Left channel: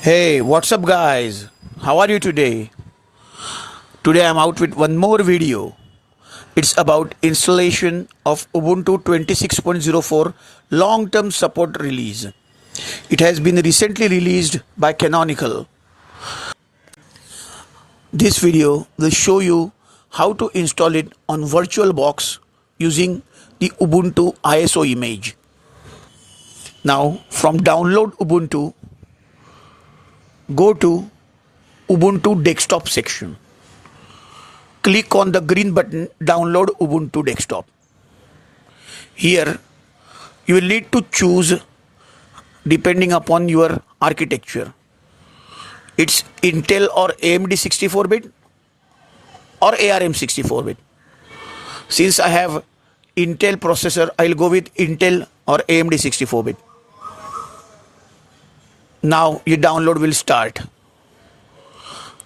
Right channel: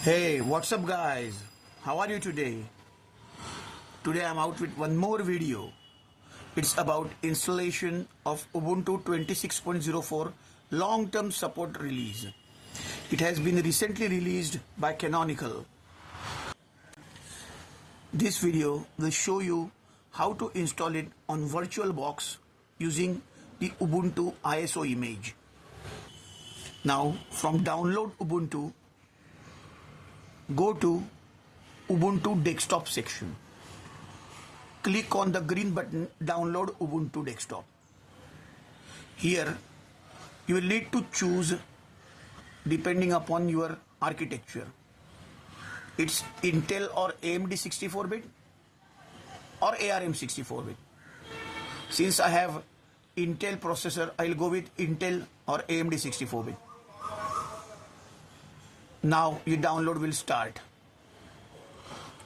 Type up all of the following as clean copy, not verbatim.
Hey, what's up guys? How are you today? Today I'm out with one more video. It's about installation of Ubuntu 26.04 long-term support release. It has been recently released by Canonical. This video will show you how to install it on VirtualBox using the Ubuntu ISO image. Now from download Ubuntu, go to Ubuntu Desktop section. Click on the green button Download Ubuntu Desktop. Here you will need to choose depending upon your architecture. It's Intel or AMD 64-bit or ARM 64-bit. Since I have Intel processor, I'll go with Intel or AMD 64-bit. Now your download will start.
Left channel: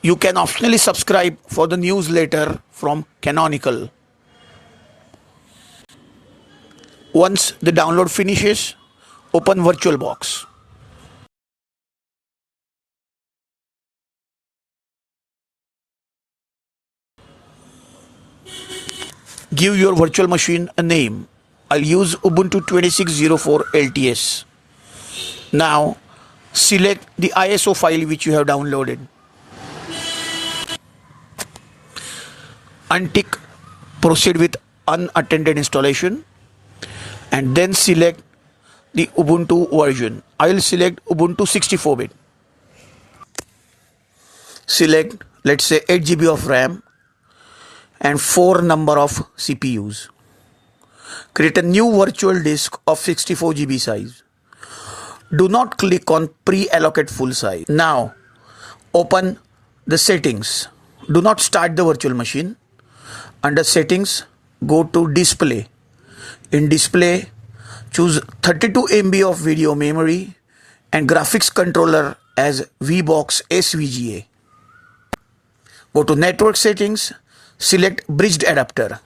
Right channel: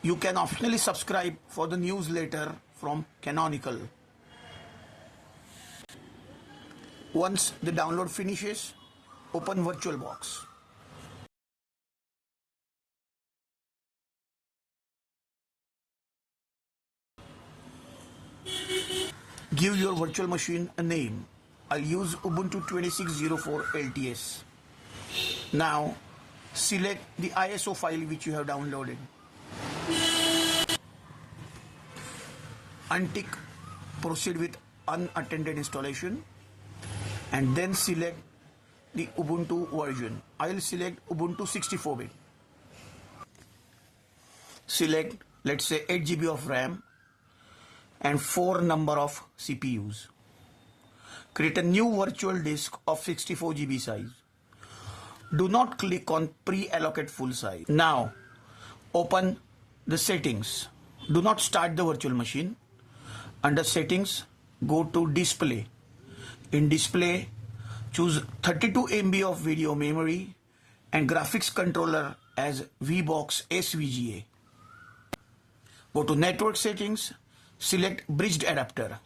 You can optionally subscribe for the newsletter from Canonical. Once the download finishes, open VirtualBox. Give your virtual machine a name. I'll use Ubuntu 26.04 LTS. Now select the ISO file which you have downloaded. Untick proceed with unattended installation and then select the Ubuntu version. I will select Ubuntu 64-bit. Select, let's say, 8 GB of RAM and 4 number of CPUs. Create a new virtual disk of 64 GB size. Do not click on pre-allocate full size. Now open the settings. Do not start the virtual machine. Under settings, go to display. In display, choose 32 MB of video memory and graphics controller as VBoxSVGA. Go to network settings, select bridged adapter.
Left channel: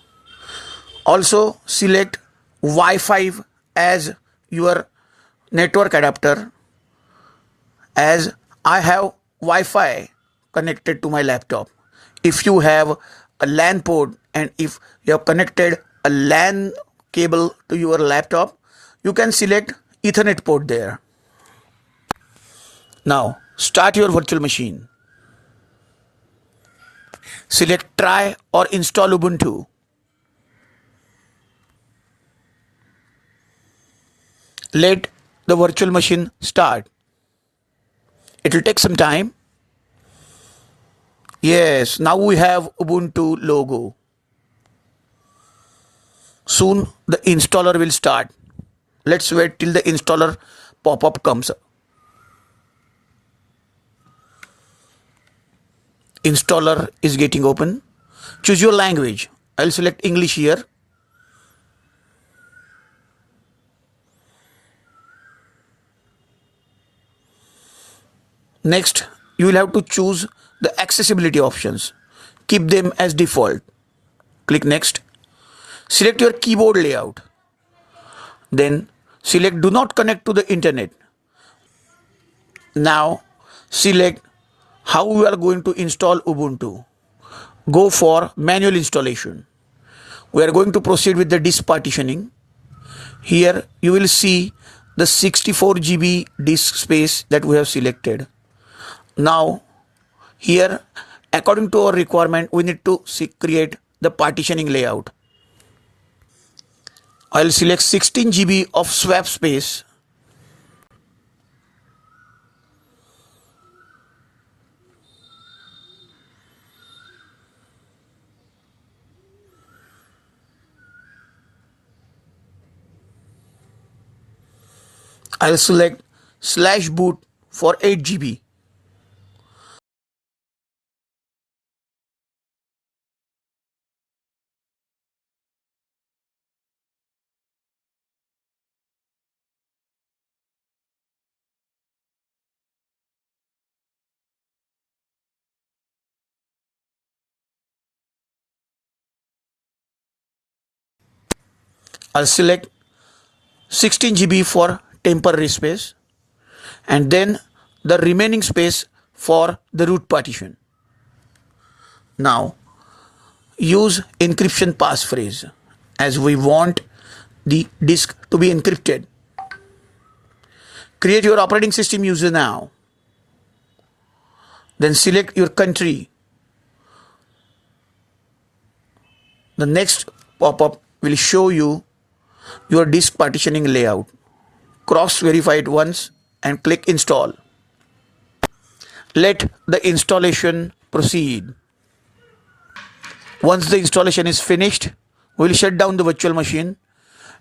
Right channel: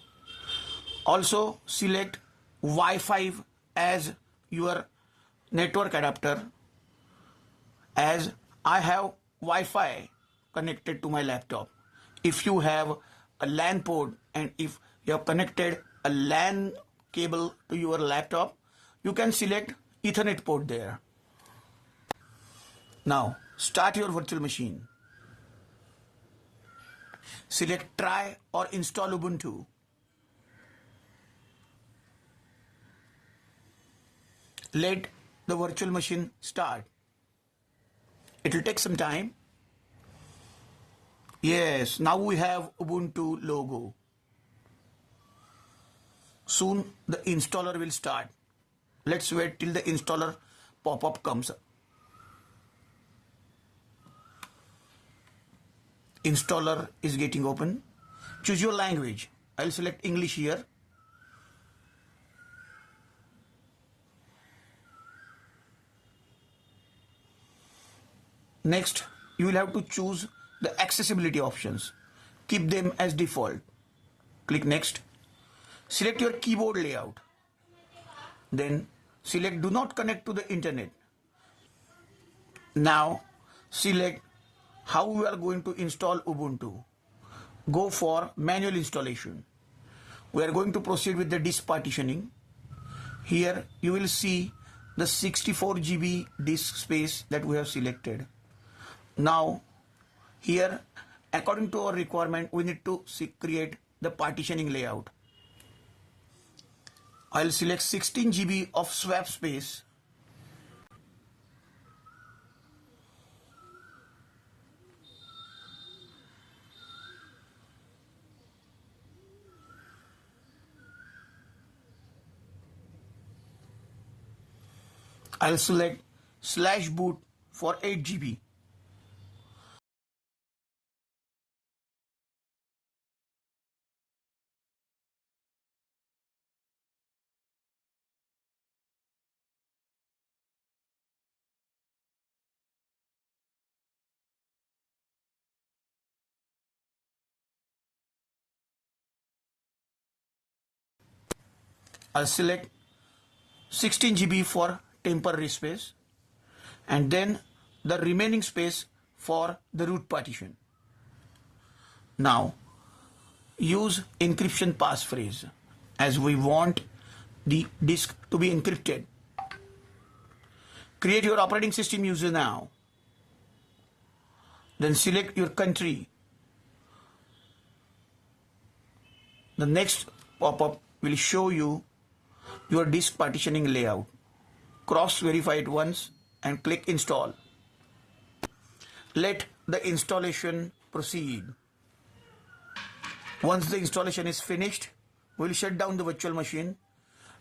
Also select Wi-Fi as your network adapter, as I have Wi-Fi connected to my laptop. If you have a LAN port and if you have connected a LAN cable to your laptop, you can select Ethernet port there. Now start your virtual machine. Select try or install Ubuntu. Let the virtual machine start. It will take some time. Yes, now we have Ubuntu logo. Soon the installer will start. Let's wait till the installer pop-up comes. Installer is getting open. Choose your language. I'll select English here. Next, you will have to choose the accessibility options. Keep them as default. Click next. Select your keyboard layout. Then select do not connect to the internet. Now select how we are going to install Ubuntu. Go for manual installation. We are going to proceed with the disk partitioning. Here you will see the 64 GB disk space that we have selected. Now here, according to our requirement, we need to create the partitioning layout. I'll select 16 GB of swap space. I'll select /boot for 8 GB. I'll select 16 GB for temporary space and then the remaining space for the root partition. Now use encryption passphrase as we want the disk to be encrypted. Create your operating system user now. Then select your country. The next pop-up will show you your disk partitioning layout. Cross-verify it once and click install. Let the installation proceed. Once the installation is finished, we will shut down the virtual machine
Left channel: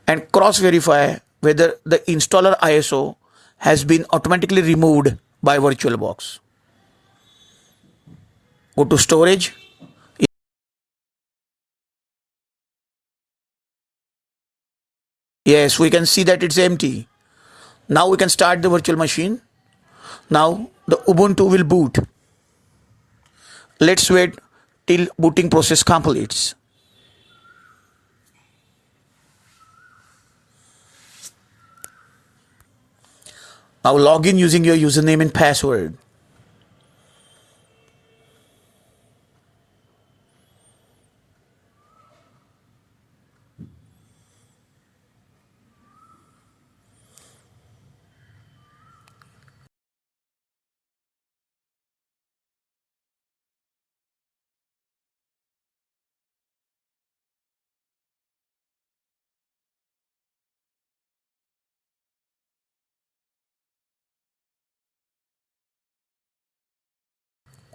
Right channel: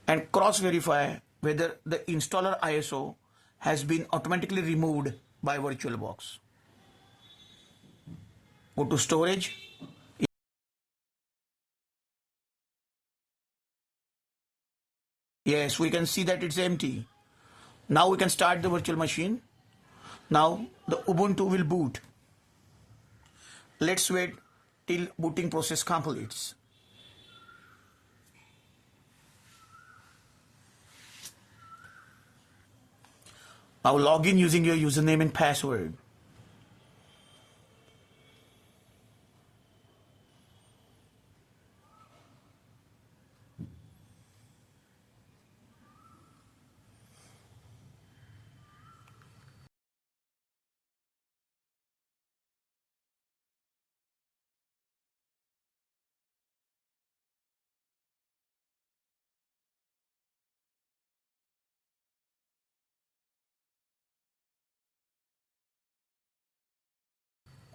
and cross-verify whether the installer ISO has been automatically removed by VirtualBox. Go to storage. Yes, we can see that it's empty. Now we can start the virtual machine. Now the Ubuntu will boot. Let's wait till booting process completes. Now log in using your username and password.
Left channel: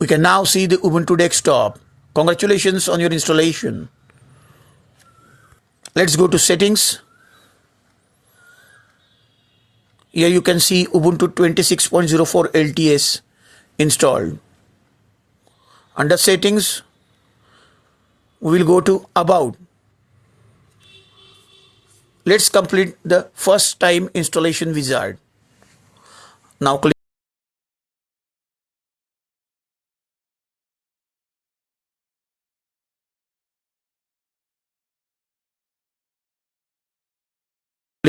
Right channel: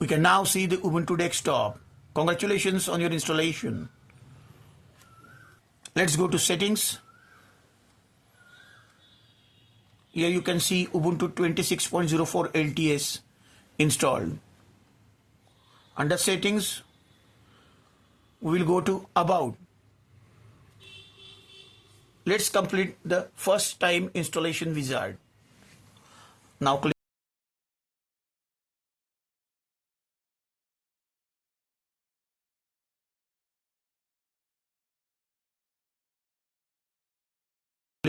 We can now see the Ubuntu desktop. Congratulations on your installation. Let's go to settings. Here you can see Ubuntu 26.04 LTS installed. Under settings, we will go to about. Let's complete the first time installation wizard. Now click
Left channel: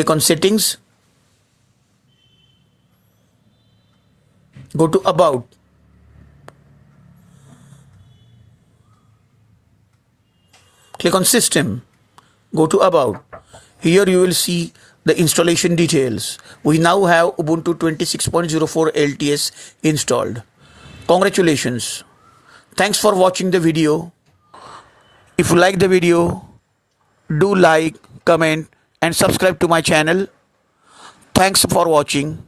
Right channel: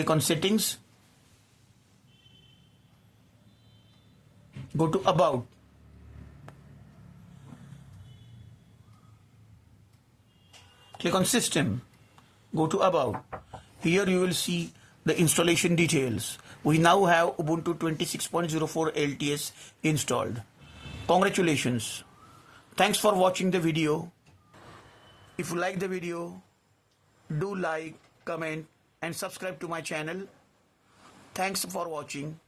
on settings. Go to about. Click on system. Go to about. Here you will see the installation details. We now have Ubuntu 26.04 LTS installed. Congratulations. Thanks for watching the video. If you like the video, do like, comment and subscribe to my channel. Thanks for watching.